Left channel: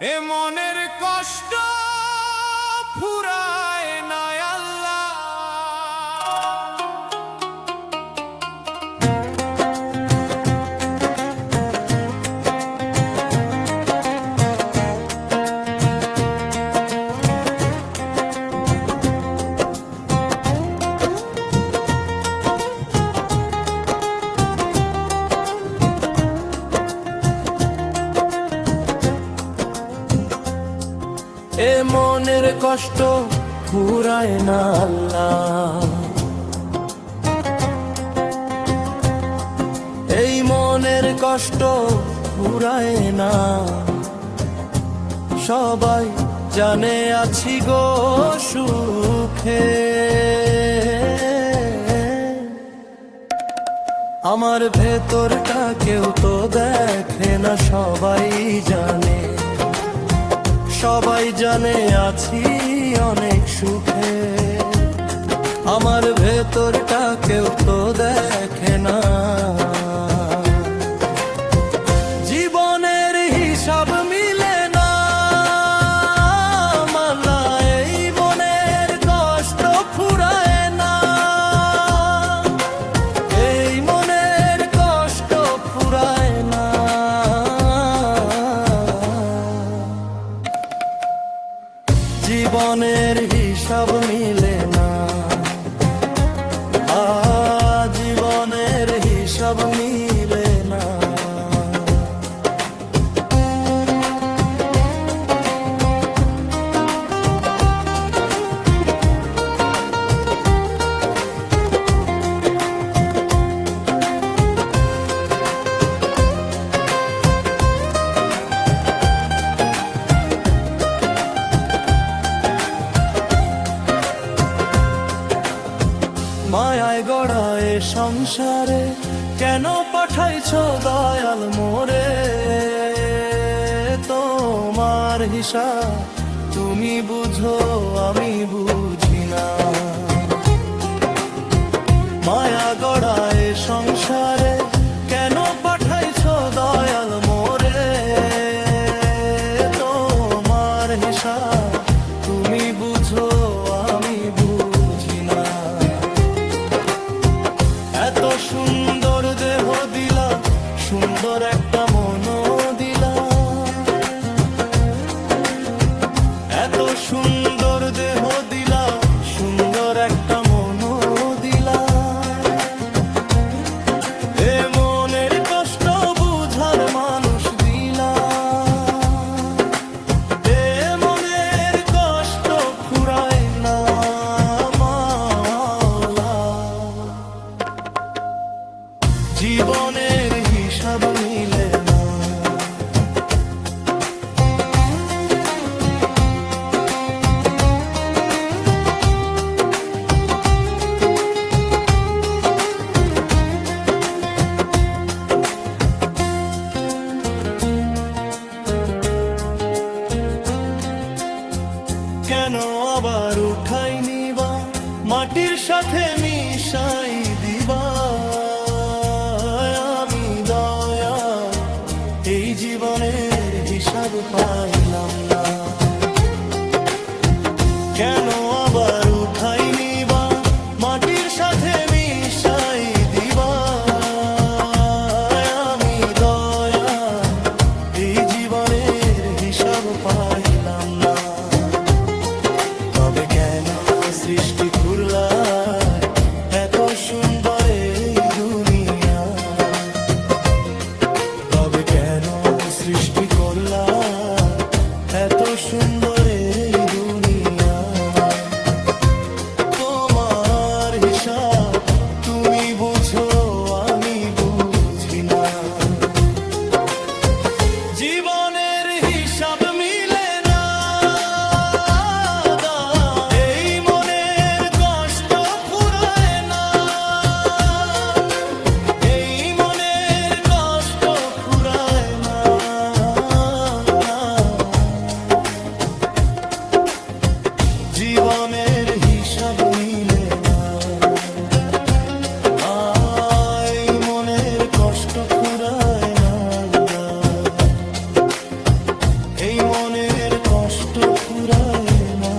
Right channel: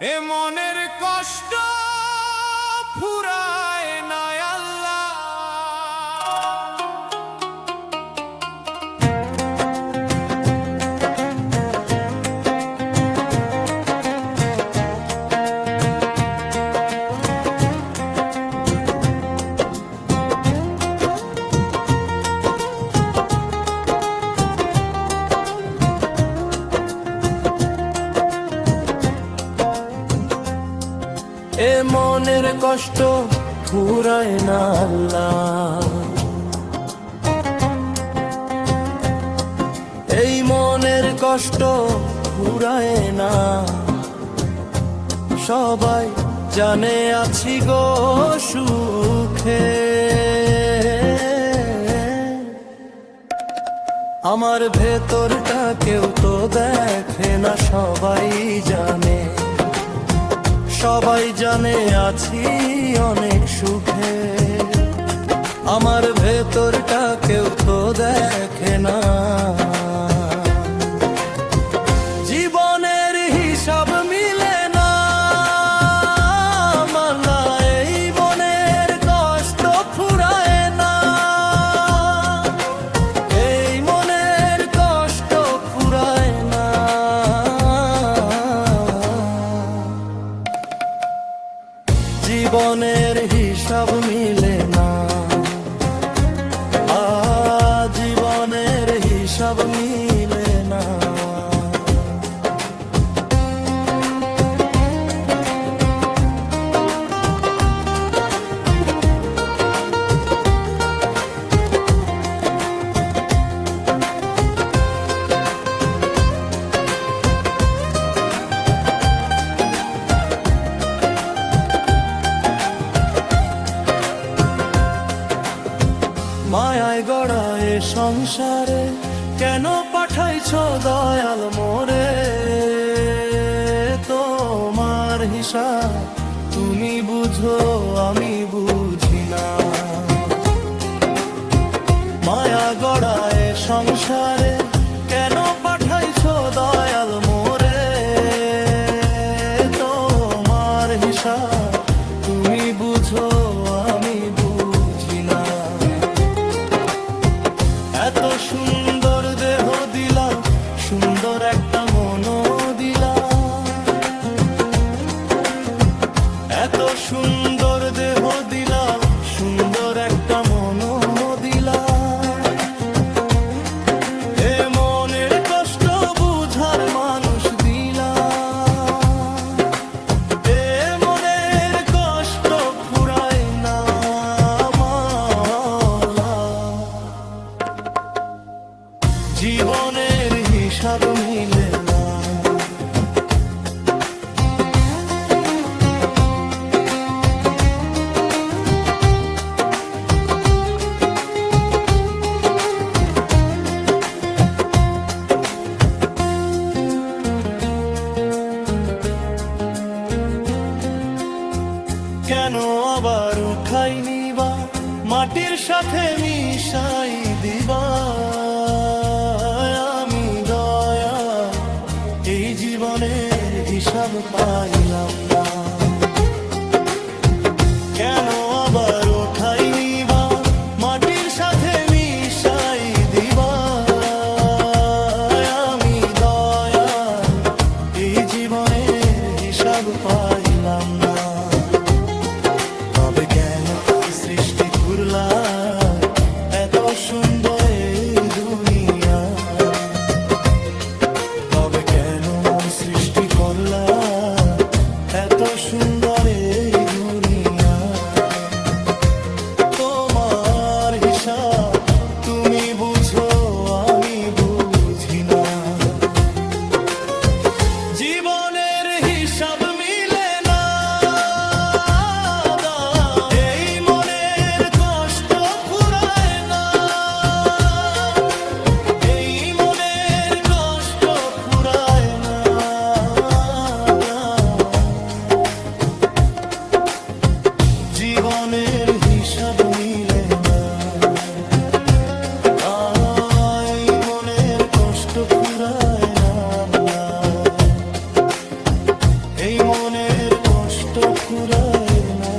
এ মনের কষ্ট ফুরায় না আল্লাহ। এ মনের কষ্ট ফুরায় না আল্লাহ, এই মনের কষ্ট ফুরায় না। সবাই জানে আছি গো সুখে, আমার ভেতরটা কেউ তো দেখে না। সবাই জানে, সবাই জানে আছি অনেক সুখে, আমার ভেতরটা কেউ তো দেখে না। জীবনের হিসাব মিলে না মালা, এই মনের কষ্ট ফুরায় না, এই মনের কষ্ট ফুরায় না। জীবনের হিসাব মিলে না, জীবনের হিসাব মিলে না। মায়ায় গড়া এ সংসারে কেন পাঠাইছ দয়াল মোরে? তোমার হিসাব তুমি বুঝো, আমি বুঝি না। মায়া গড়া এ সংসারে কেন পাঠাইছ দয়াল মোরে? তোমার হিসাব তুমি বুঝো, আমি বুঝি না। এত সুন্দর দেহ দিলা, সুন্দর একটা মনও দিলা, এত সুন্দর দেহ দিলা, সুন্দর একটা মনও দিলা। এ মনের কষ্ট বুঝার মানুষ দিলা, এ মনের কষ্ট ফুরায় না মাওলা। জীবনের হিসাব মিলে না, কেন আবার উঠাই নিবা, মাটির সাথে মিশাই দিবা? আমি দয়াল এই জীবনের হিসাব পাইলাম না। কেন আবার উঠাই নিবা, মাটির সাথে মিশাই দিবা? আমি দয়াল এই জীবনের হিসাব পাইলাম না। তবে কেন সৃষ্টি করলা এত সুন্দর এই দুনিয়া? তবে কেন সৃষ্টি করলা এত সুন্দর এই দুনিয়া? তোমার হিসাব তুমি বুঝো, আমি বুঝি না। জীবনের হিসাব মিলে না, এই মনের কষ্ট ফুরায় না, এই মনের কষ্ট ফুরায় না। জীবনের হিসাব মিলে না, এই মনের কষ্ট ফুরায় না। এই মনের কষ্ট ফুরায় না।